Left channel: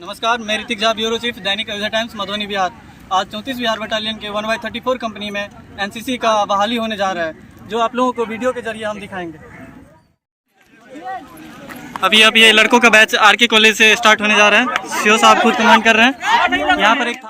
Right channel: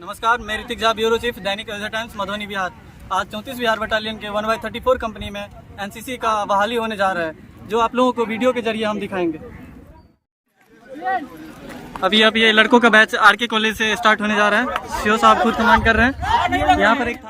नमस्कार, मैं Hrithik Jha, bureau chief, दैनिक Ayodhya times, Madhubani Bihar. आज 34 बिहार बटालियन के 1/34 कंपनी में एनसीसी का बहाली होने जा रहा है, जो आप लोगों को वीडियो के जरिए हम दिखाएंगे। अभी ये लड़कों का बैच आरके कॉलेज से स्टार्ट होने जा रहा है। सीओ साहब खुद कमांड कर रहे हैं। यहाँ पर एक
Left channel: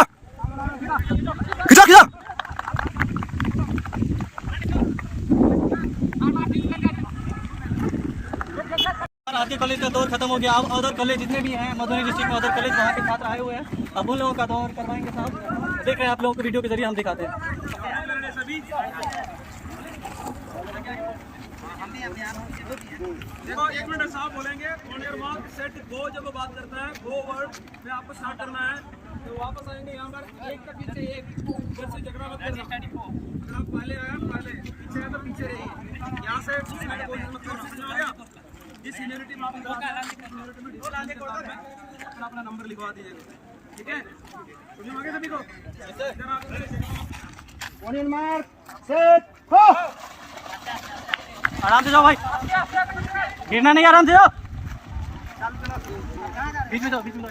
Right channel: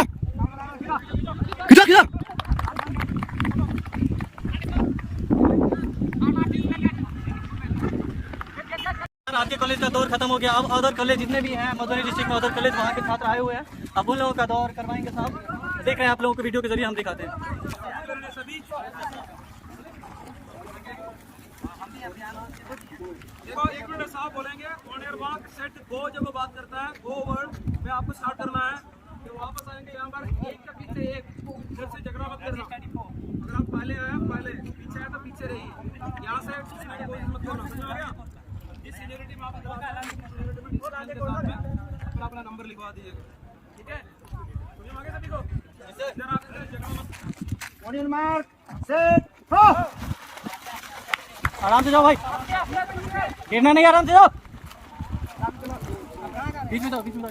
था खिचा आरके कॉलेज का दौर खत्म हो गया। अब अदर कॉलेज जितने भी हैं मधुबनी डिस्ट्रिक्ट में, अदर कॉलेज वहाँ के छात्र आए हुए हैं। अब उन लोगों का दौर करवाएंगे साहब। देख रहे हैं आप लोगों को वीडियो के जरिए हम दिखाते हैं। देखो 1 मिनट साहब बोलेंगे, on your mark set go. जब वो बात करता है गो वर्ड में आपको स्टार्ट करना है, तो वापस आएंगे यहाँ पर एक का पीछे एक, इधर से झगड़ा मत करना। अगर आप पहले आए पहले, पीछे आए तो पीछे रहिए। यहाँ से जिस सीनियरिटी में आप अपना नंबर लिखवा दीजिएगा, ठीक है? समझ में आ गया सभी को? On your mark set go. आराम से जाओ भाई, गिरना नहीं, आराम से जाओ। बीच में जाओ, बीच में जाओ।